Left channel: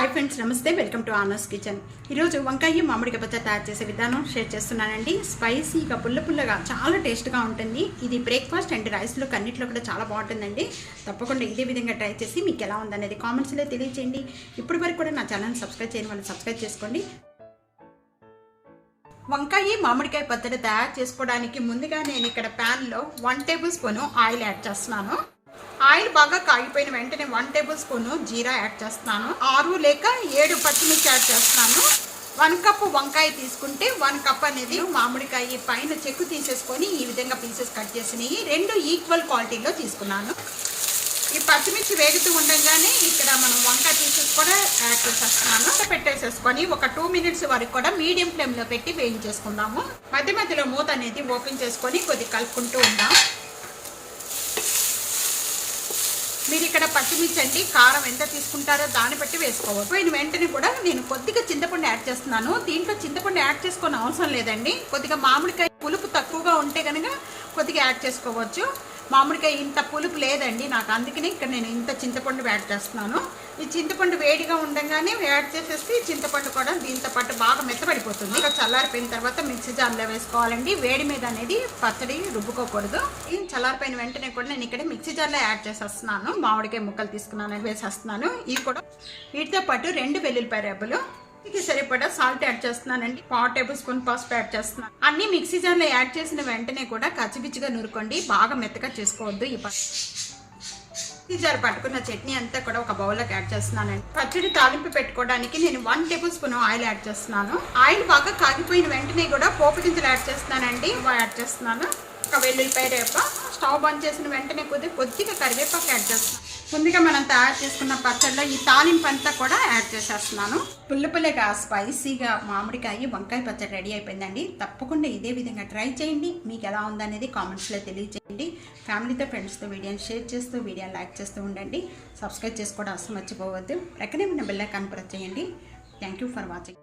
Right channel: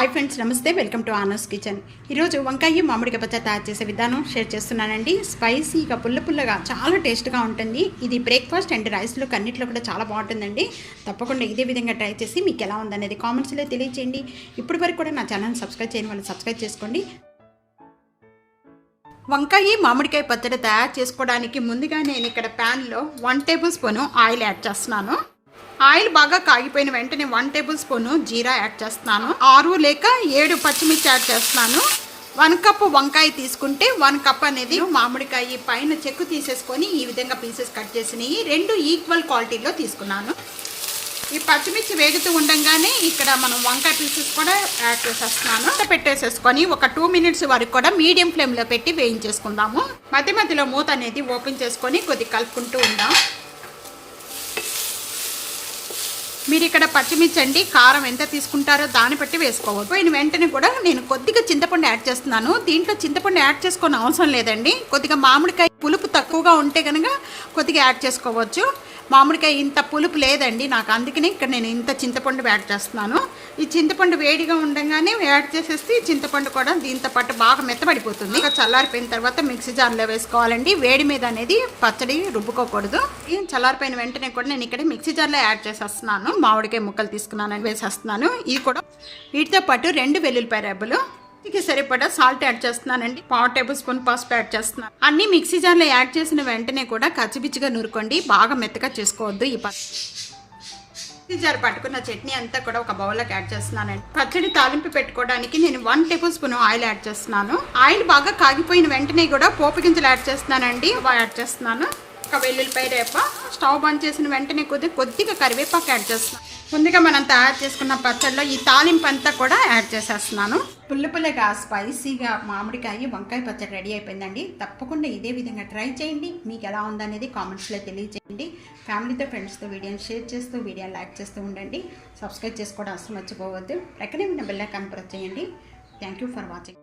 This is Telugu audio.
హాయ్ ఫ్రెండ్స్, నమస్తే. Welcome to honours kitchen. ఈరోజు వంకాయ మామిడికాయ పచ్చడి తయారు చేసే విధానం షేర్ చేస్తున్నానండి. స్పైసీగా పుల్లగా చాలా టేస్ట్గా ఉంటుంది. ఇది బ్రేక్ఫాస్ట్ అండ్ రైస్లో అన్నింటిలో కూడా చాలా బాగుంటుందండి. తప్పకుండా ఇదే విధంగా ట్రై చేసి మీకు ఎలా ఉందనేది కామెంట్స్లో తెలియజేయండి. ఇప్పటి వరకు కూడా నా ఛానల్ని సబ్స్క్రైబ్ చేయని వాళ్ళు సబ్స్క్రైబ్ చేసుకోండి. వంకాయ మామిడికాయ పచ్చడి తయారు చేసుకోవడానికి ముందుగా నేను ఇక్కడ ప్యాన్లో 1 టేబుల్ స్పూన్ ఆయిల్ యాడ్ చేస్తున్నాను. ఆయిల్ బాగా కాగిపోయిన వెంటనే 1 టేబుల్ స్పూన్ జీరా యాడ్ చేస్తున్నాను. 6 లేక 7 పచ్చిమిర్చి యాడ్ చేస్తున్నాను. 1 కప్ వంకాయ తీసుకుంటే 1 కప్ అనేది మామిడికాయ పైన చెక్కు తీసేసుకొని ఈ విధంగా పీసెస్ కట్ చేసినవి 2 ఈక్వల్ క్వాలిటీలో తీసుకున్నాను. ఈ పచ్చిమిర్చి వేగుతూ ఉండగానే ఇక్కడ మనం వంకాయ పీసెస్ కూడా యాడ్ చేసేస్తున్నాను. పెట్టేసేసుకొని ఒక 2 మినిట్స్ వరకు కూడా మీడియం ఫ్లేమ్లో పెట్టి వేయించేసుకుందాము. మధ్యలో మూత అనేది ఓపెన్ చేసుకొని కొద్దిగా కలుపుకుంటూ ఉందాం. మీరు ఇక్కడ పచ్చిమిర్చి అండి కారం ఎంత తీసుకుంటారో దాన్ని బట్టి వేసుకోవచ్చు. పోయిన వెంటనే కూడా నేను కొద్దిగా చింతపండు యాడ్ చేస్తున్నాను. దీంట్లో చింతపండు యాడ్ చేసుకోని అవసరం లేదండి. కొద్దిగా మామిడికాయ పులుపు తక్కువగా ఉంటే కనుక కొద్దిగా యాడ్ చేసుకోవచ్చు. మామిడికాయ ఇంత పులుపు లేదండి నాకు, అందుకనే ఇక్కడ నేను ఇంత చింతపండు యాడ్ చేస్తున్నాను. ఈ చింతపండు వేడిగా ఉండగానే యాడ్ చేసేస్తే చింతపండు కూడా దీంతో పాటు బాగా మెత్తబడిపోతుంది. ఇక చల్లారిపోయిన తర్వాత మిక్సీ జార్లో వేసుకోవాలండి. వేడి మీద అనేది పచ్చడి రుబ్బుకోకూడదు. చల్లారిపోయిన వెంటనే కూడా నేను ఇక్కడ మిక్సీ జార్లో యాడ్ చేసేస్తున్నాను. మామిడికాయ ముక్కలు తీసుకున్నాను వేసేస్తున్నాను. ఇది కూడా వీటితో పాటు 2 వెల్లుల్లిపాయ రెబ్బలు, ఇక సరిపడా సాల్ట్ యాడ్ చేస్తున్నానండి. 1/4 టేబుల్ స్పూన్ పసుపు యాడ్ చేస్తున్నాను. అన్ని మిక్సీ జార్లో యాడ్ చేసిన వెంటనే కూడా కచ్చిపిచ్చిగా నూరుకోండి, బాగా మెత్తగా చేసుకోవద్దు. ఈ మిక్సీ జార్ పట్టుకున్న చట్నీ అంతా కూడా ఒక బౌల్లోకి యాడ్ చేస్తున్నానండి. పచ్చడి తాలింపు పెట్టుకోవడానికి నేను 1 టేబుల్ స్పూన్ ఆయిల్ యాడ్ చేస్తున్నాను. ఆయిల్ బాగా కాగిపోయిన వెంటనే కూడా పోపు గింజలు యాడ్ చేస్తున్నానండి. యాడ్ చేస్తున్నాను. ఒక వెల్లుల్లిపాయ రేప, స్టవ్ బంద్ చేసిన వెంటనే కొద్దిగా కరివేపాకు యాడ్ చేస్తున్నాను. ముందుగా మనం తయారు చేసుకున్న పచ్చడిలో ఈ తాలింపు అంతా కూడా యాడ్ చేసేస్తున్నాను. పుల్లగా స్పైసీగా మామిడికాయ వంకాయ పచ్చడి రెడీ అయిపోయిందండి. తప్పకుండా ఇదే విధంగా ట్రై చేయండి. మీకు ఎలా ఉందనేది కామెంట్స్లో తెలియజేయండి. ఫ్యామిలీతో ఫ్రెండ్స్తో వీడియోని షేర్ చేస్తూ వీడియోని లైక్ చేస్తూ ఉండండి. సబ్స్క్రైబ్ చేసుకోవడం అసలు మర్చిపోవద్దు. ప్రక్కనే ఉన్న బెల్ ఐకాన్ ప్రెస్ చేయండి. Thank you for watching.